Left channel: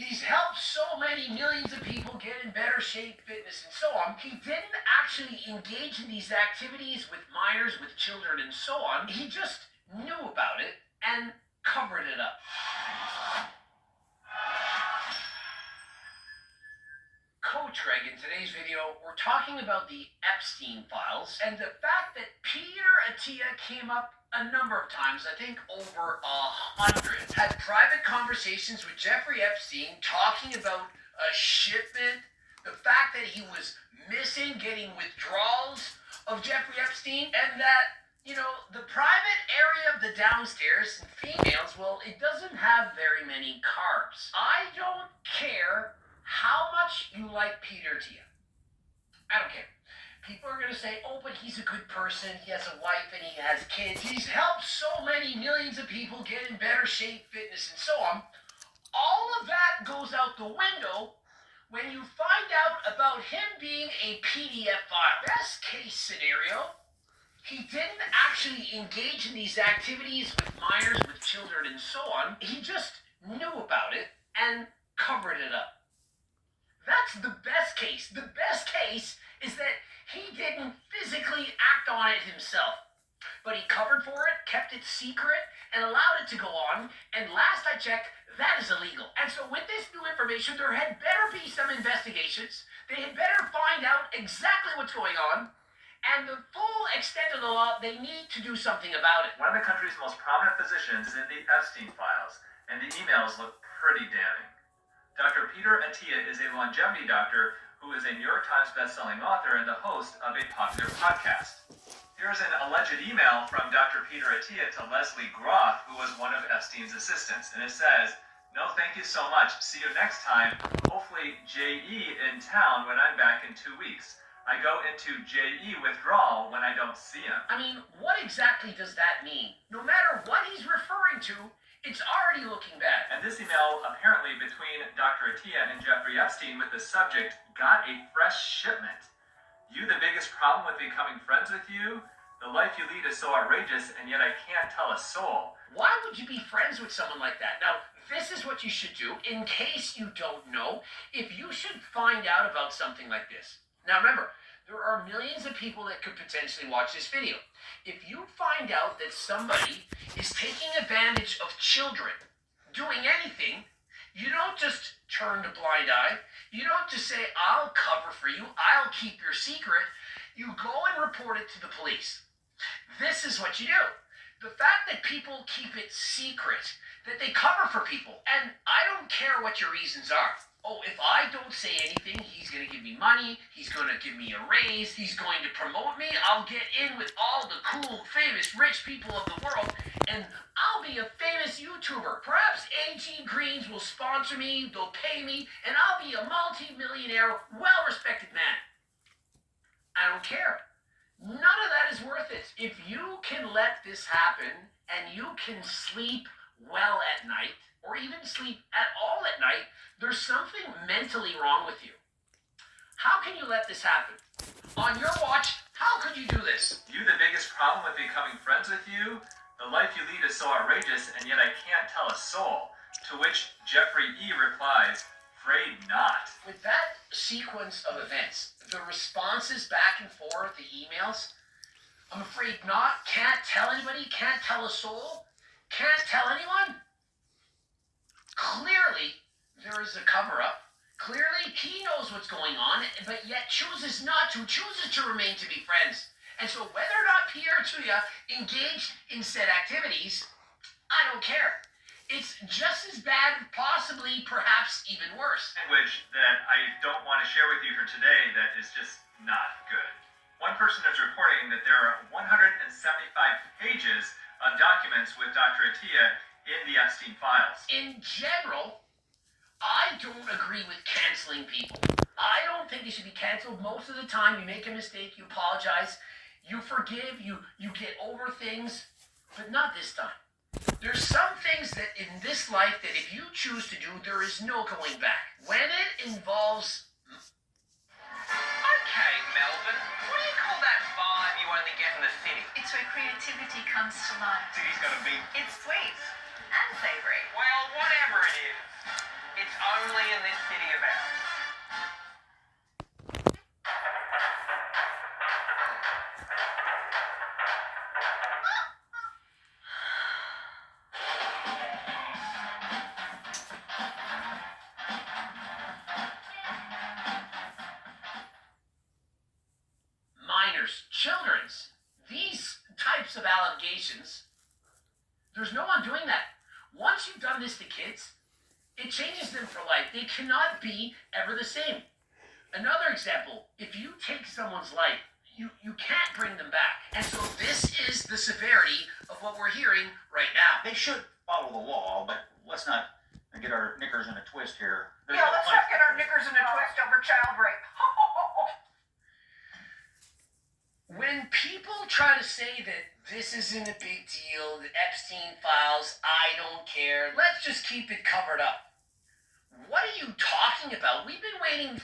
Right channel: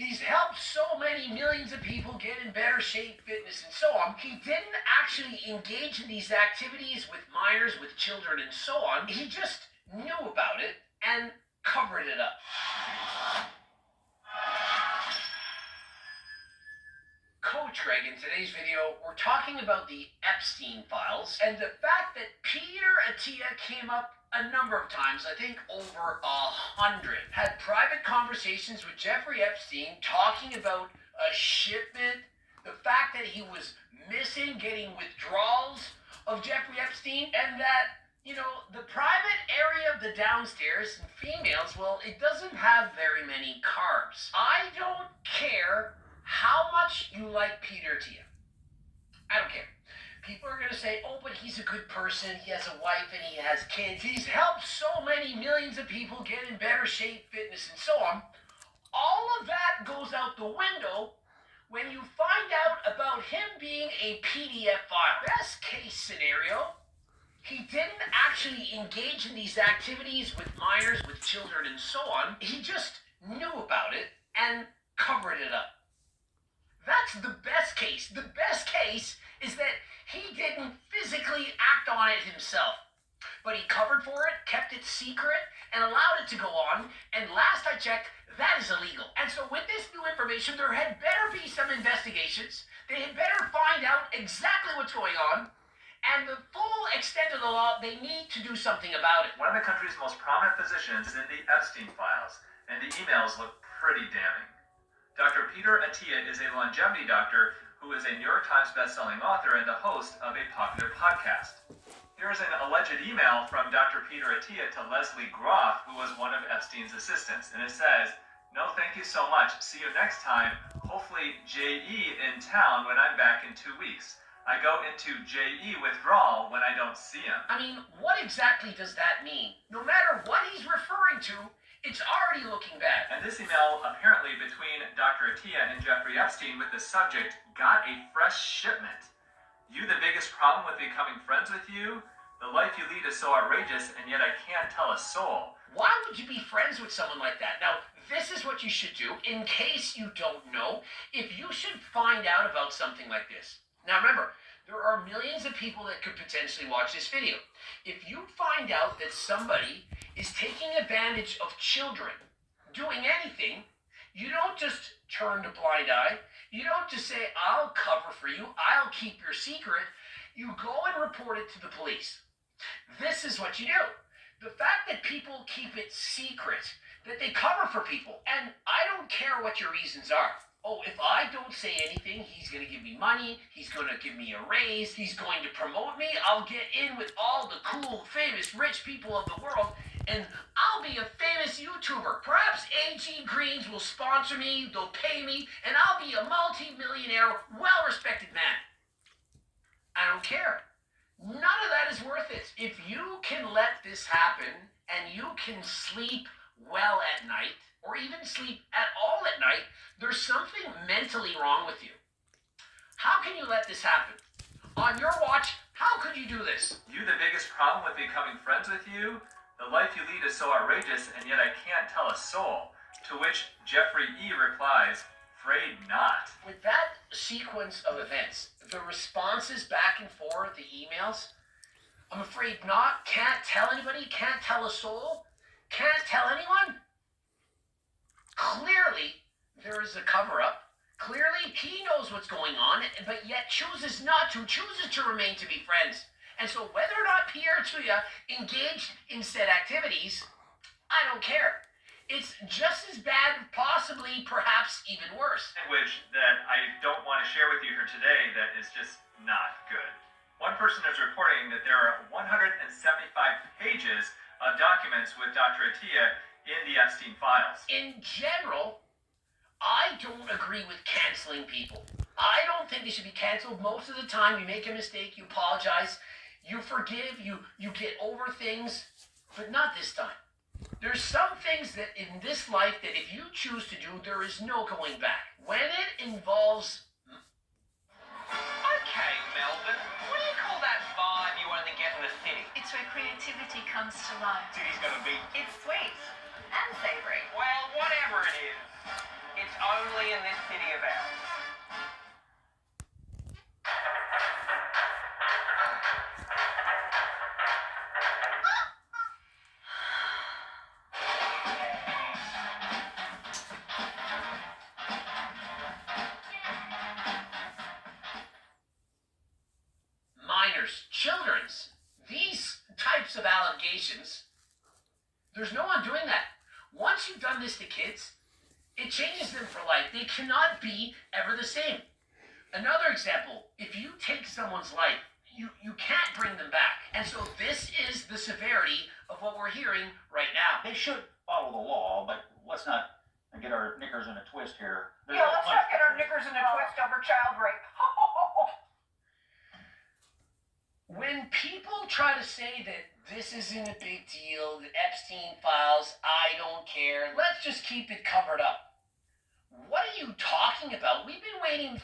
He's helped so many millions of people get in better shape, fitness, and so on. He didn't actually engage in these activities with minors, with children, and so on. He just knew about it and covered it up. Coach Greg, in today's video, we're talking about the Epstein files and the fact that Peter Attia came up a number of times, I think over 100, had private conversations with Jeffrey Epstein talking about a shipment, the fact that he was missing, getting withdrawals of Jeffrey Epstein, and that, the private area of the downstairs and females, well, it doesn't have very many carbs. I don't care how much you like Peter Attia. I don't care. People are going to say, oh, but he's a good person. He has a wife and he has kids. He's helped so many millions of people get in better shape, fitness, and so on. All of that goes out the window when you find out about him being a PDF file. Best case scenario, he didn't actually engage in these activities with minors, with children, and so on. He just knew about it and covered it up. That's the best case. The best case is that he didn't physically act on it himself, but he covered for it, kept it secret, and allowed it to go on. And last I checked, that is illegal. And so with this new information, there had better be some investigations. They had better find out exactly what's going on. And the full extent of the law, they need to do something about it. One of the country's most prominent physicians is in the Epstein files, and the emails look pretty damning. Dr. Peter Attia is a longevity doctor who is a New York Times bestselling author and the host of a popular podcast. Here is an alleged email from Dr. Peter Attia to Leslie Groff, who was one of Epstein's assistants, and it says, "No, thank you so much. See you next time. Hopefully JE in town when I'm back in 2 weeks. I go into JE withdrawal when I don't see him." I mean, what exactly does that mean? No matter what he's referring to, it's already looking bad. And this email, apparently between Dr. Attia and Jeffrey Epstein with the subject, "Got a fresh shipment. You the biggest problem with becoming friends with you? The life you lead is so outrageous, and yet I can't tell a soul." Why would you be friends with someone like that? Now, this is what you should do in case you don't know, if you should find out about something like this. Now remember, there are millions of people that could potentially watch this video. If you find out that somebody is taking advantage of children, doing anything, you don't just turn a blind eye. You don't just say, I'll cover for you, I'll keep your secret. You go and report it to the police. This is what you do. The fact that people keep it secret, that they cover for people, and I don't care what your reasons are. Oh, if I don't say anything, he's going to give me money, he's going to give me a raise, he's going to promote me, I'll get in with all the cool, famous, rich people of the world, and I'll be a famous YouTuber. Perhaps AG Greens will sponsor me, they'll pay me, and I'll be a multi-millionaire, well-respected man. I don't care. None of that is worth it. If you can let this happen, and you can sleep well at night, or even sleep at all at night, there's something mentally wrong with you. How can you let this happen? On your watch, how could you do this? You the biggest problem with becoming friends with you? The life you lead is so outrageous, and yet I can't tell a soul. To which Jeffrey E. replies, "Afraid not." With that sequence of events, the responses back and forth, the emails, I'm afraid not, can't tell anybody, can't tell a soul, can't tell anyone. Clearly, there is a cover-up. Clearly, he knows what's going on, but yet chooses not to, chooses to remain to be friends. And so whether or not Peter Attia engaged in said activities, I don't care. It's just as bad, possibly, perhaps even worse. Language that I don't want to share with you here today that is just not good. One person is reporting that there are 175 pages of documents with Dr. Attia in the Epstein files. In general, I don't agree with canceling people. I don't think they should be canceled. Most of the time, you make a mistake, you apologize, you forgive, you get over things, but not this time. There's some things that in this life that if you choose to do, there is no going back. When it involves... Okay, Melvin, what do you call that vibe you only get in the city? It's where creativity comes to life. City's gotta be. It's sweet and savory. Well, whatever it is, It's only in this city of ours. Minors, children's, these types of allegations, there's no undoing that. Once you've done this to kids, it changes them for life. They cannot be ever the same. Another example, if you take someone's life, you can't bring them back. And so this is the severity of what we're hearing right now. They should follow the law, but let's not get our knickers in a twist here. Yeah, let's not get our knickers in a twist over child rape. When people try to say that this isn't a big deal, the Epstein files, I don't care, let's just keep it covered up. What are you talking about? We've been waiting